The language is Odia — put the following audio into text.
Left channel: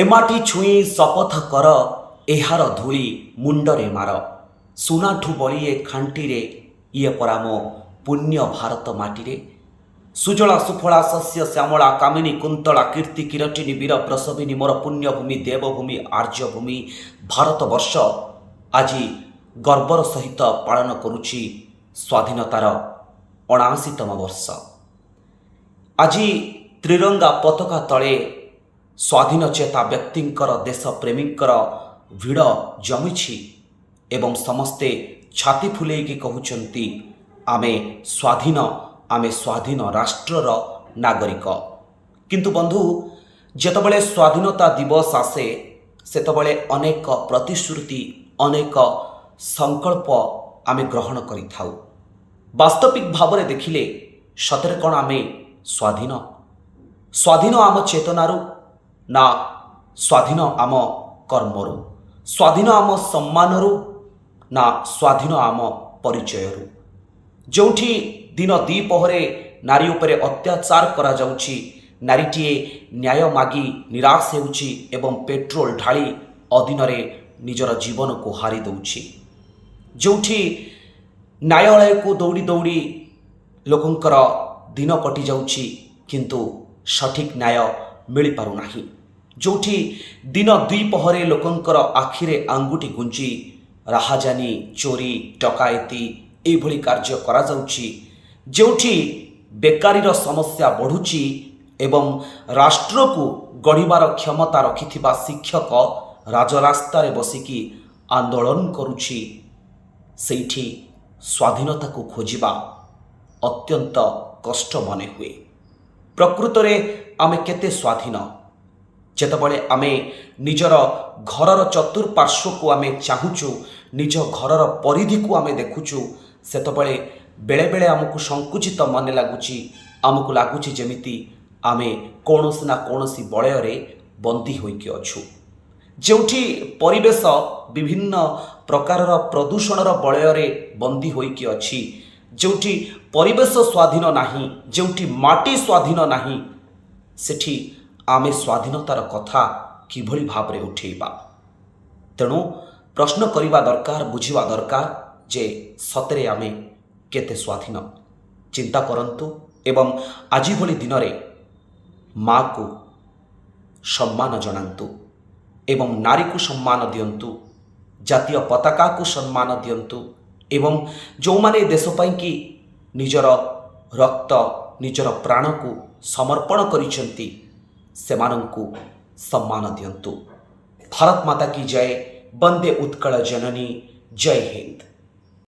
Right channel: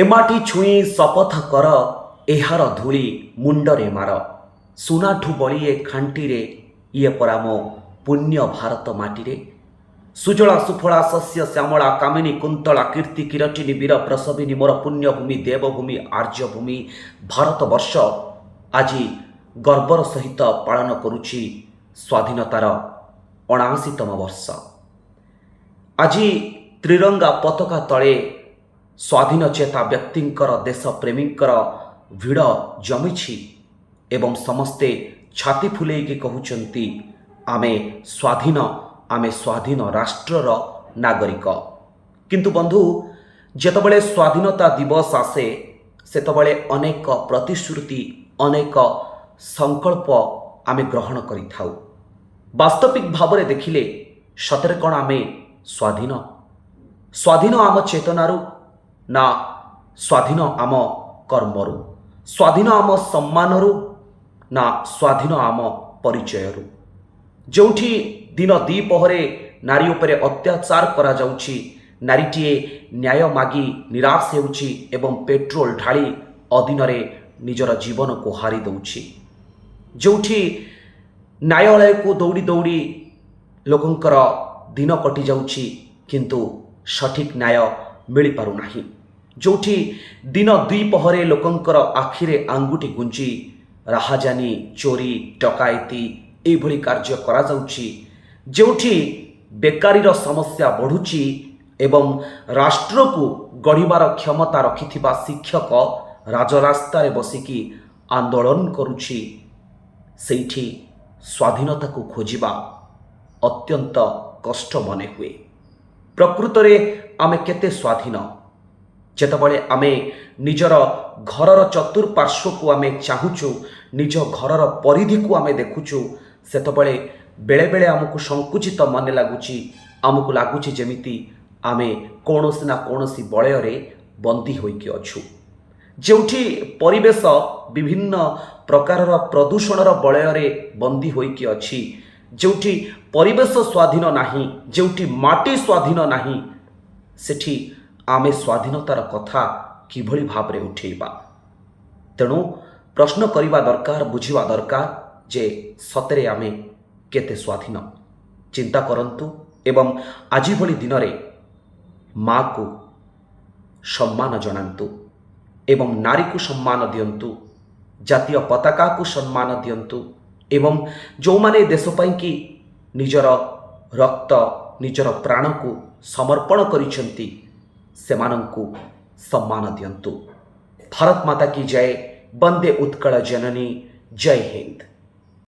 ଏମାଟି ଛୁଇଁ ଶପଥ କର ଏହାର ଧୂଳି ମୁଣ୍ଡରେ ମାର। ସୁନାଠୁ ବଳି ଏ ଖାଣ୍ଟିରେ ଇଏ ପରା ମୋ ପୁଣ୍ୟ ଭାରତ ମାଟିରେ। ସୁଜଳା ସୁଫଳା ଶସ୍ୟ ଶ୍ୟାମଳା କାମିନୀ କୁନ୍ତଳା କୀର୍ତ୍ତି କିରଟିନୀ ବୀର ପ୍ରସବିନୀ ମୋର ପୁଣ୍ୟଭୂମି ଦେବଭୂମି ଆର୍ଯ୍ୟଭୂମି ଭାରତବର୍ଷ ଆଜି ଗର୍ବର ସହିତ ପାଳନ କରୁଛି ସ୍ୱାଧୀନତାର 79ତମ ବର୍ଷ। ଆଜି ତ୍ରିରଙ୍ଗା ପତାକା ତଳେ ସ୍ୱାଧୀନଚେତା ବ୍ୟକ୍ତିଙ୍କର ଦେଶପ୍ରେମୀଙ୍କର ଭିଡ଼ ଜମିଛି ଏବଂ ସମସ୍ତେ ଛାତି ଫୁଲେଇକି କହୁଛନ୍ତି ଆମେ ସ୍ୱାଧୀନ ରାଷ୍ଟ୍ରର ନାଗରିକ। କିନ୍ତୁ ବନ୍ଧୁ, ଯେତେବେଳେ ସ୍ୱାଧୀନତା ଦିବସ ଆସେ ସେତେବେଳେ ଅନେକ ପ୍ରତିଶ୍ରୁତି ଅନେକ ସଂକଳ୍ପ ଆମେ ଗ୍ରହଣ କରିଥାଉ। ବାସ୍ତବିକ ଭାବରେ ଦେଖିଲେ ସତରେ କ'ଣ ଆମେ ସ୍ୱାଧୀନ ଆମ ଚେତନାରୁ ନା ସ୍ୱାଧୀନ ଆମ କର୍ମରୁ? ସ୍ୱାଧୀନ ଆମ ସମ୍ମାନରୁ ନା ସ୍ୱାଧୀନ ଆମ ପରିଚୟରୁ? ଯେଉଁଠି ଦିନ ଦ୍ୱିପହରେ ନାରୀ ଉପରେ ଅତ୍ୟାଚାର କରାଯାଉଛି, ନାରୀଟିଏ ନ୍ୟାୟ ମାଗି ନିରାଶ ହେଉଛି ଏବଂ ପେଟ୍ରୋଲ ଢାଳି ଅଦିନରେ ନିଜର ଜୀବନକୁ ହାରି ଦେଉଛି, ଯେଉଁଠି ନ୍ୟାୟାଳୟକୁ ଦୌଡ଼ି ଦୌଡ଼ି ଲୋକଙ୍କର ଦିନ କଟିଯାଉଛି କିନ୍ତୁ ସଠିକ୍ ନ୍ୟାୟ ମିଳିପାରୁନାହିଁ, ଯେଉଁଠି ଦିନ ଦ୍ୱିପହରେ ଲୋକଙ୍କର ଆଖିରେ ଆଙ୍ଗୁଠି ଗୁଞ୍ଜି ରାହାଜାନୀ ଚୋରି ଡକାୟତି ଏଇଭଳି କାର୍ଯ୍ୟ କରାଯାଉଛି, ଯେଉଁଠି ବେକାରୀର ସମସ୍ୟା ବଢ଼ୁଛି ଏବଂ ରାଷ୍ଟ୍ରକୁ ଗଢ଼ିବାର କ୍ଷମତା ରଖିଥିବା ଶିକ୍ଷକ ରାଜରାସ୍ତାରେ ବସିକି ଆନ୍ଦୋଳନ କରୁଛି, ସେଇଠି ସ୍ୱାଧୀନତାକୁ ଖୋଜିବା ଅତ୍ୟନ୍ତ କଷ୍ଟ ମନେ ହୁଏ। ପ୍ରକୃତରେ ଆମେ କେତେ ସ୍ୱାଧୀନ? ଯେତେବେଳେ ଆମେ ନିଜର ଘରର ଚତୁଃପାର୍ଶ୍ୱକୁ ଆମେ ଚାହୁଁଛୁ, ନିଜ ଘରର ପରିଧିକୁ ଆମେ ଦେଖୁଛୁ, ସେତେବେଳେ ବେଳେବେଳେ ଆମକୁ ସଂକୁଚିତ ମନେ ଲାଗୁଛି। ଆମକୁ ଲାଗୁଛି ଯେମିତି ଆମେ କୌଣସି ନା କୌଣସି ବଳୟରେ ବନ୍ଦୀ ହୋଇକି ଅଛୁ, ଯେଉଁଠି ପରିବେଶ ବିଭିନ୍ନ ପ୍ରକାରର ପ୍ରଦୂଷଣର ବଳୟରେ ବନ୍ଦୀ ହୋଇକି ଅଛି, ଯେଉଁଠି ପରିବେଶ ସ୍ୱାଧୀନ ନାହିଁ, ଯେଉଁଠି ମାଟି ସ୍ୱାଧୀନ ନାହିଁ, ସେଠି ଆମେ ସ୍ୱାଧୀନତାର କଥା କିଭଳି ଭାବରେ ଉଠେଇବା? ତେଣୁ ପ୍ରଶ୍ନ କରିବା ଦରକାର, ବୁଝିବା ଦରକାର ଯେ ସତରେ ଆମେ କେତେ ସ୍ୱାଧୀନ। ଚିନ୍ତା କରନ୍ତୁ ଏବଂ ଆଜି ଭଳି ଦିନରେ ମା'କୁ ସମ୍ମାନ ଜଣାନ୍ତୁ ଏବଂ ନାରୀକୁ ସମ୍ମାନ ଦିଅନ୍ତୁ, ଜାତୀୟ ପତାକାକୁ ସମ୍ମାନ ଦିଅନ୍ତୁ ଏବଂ ଯେଉଁମାନେ ଦେଶ ପାଇଁକି ନିଜର ରକ୍ତ ନିଜର ପ୍ରାଣକୁ ସମର୍ପଣ କରିଛନ୍ତି ସେମାନଙ୍କୁ ସମ୍ମାନ ଦିଅନ୍ତୁ। ଭାରତ ମାତା କି ଜୟ। ବନ୍ଦେ ଉତ୍କଳ ଜନନୀ। ଜୟ ହିନ୍ଦ।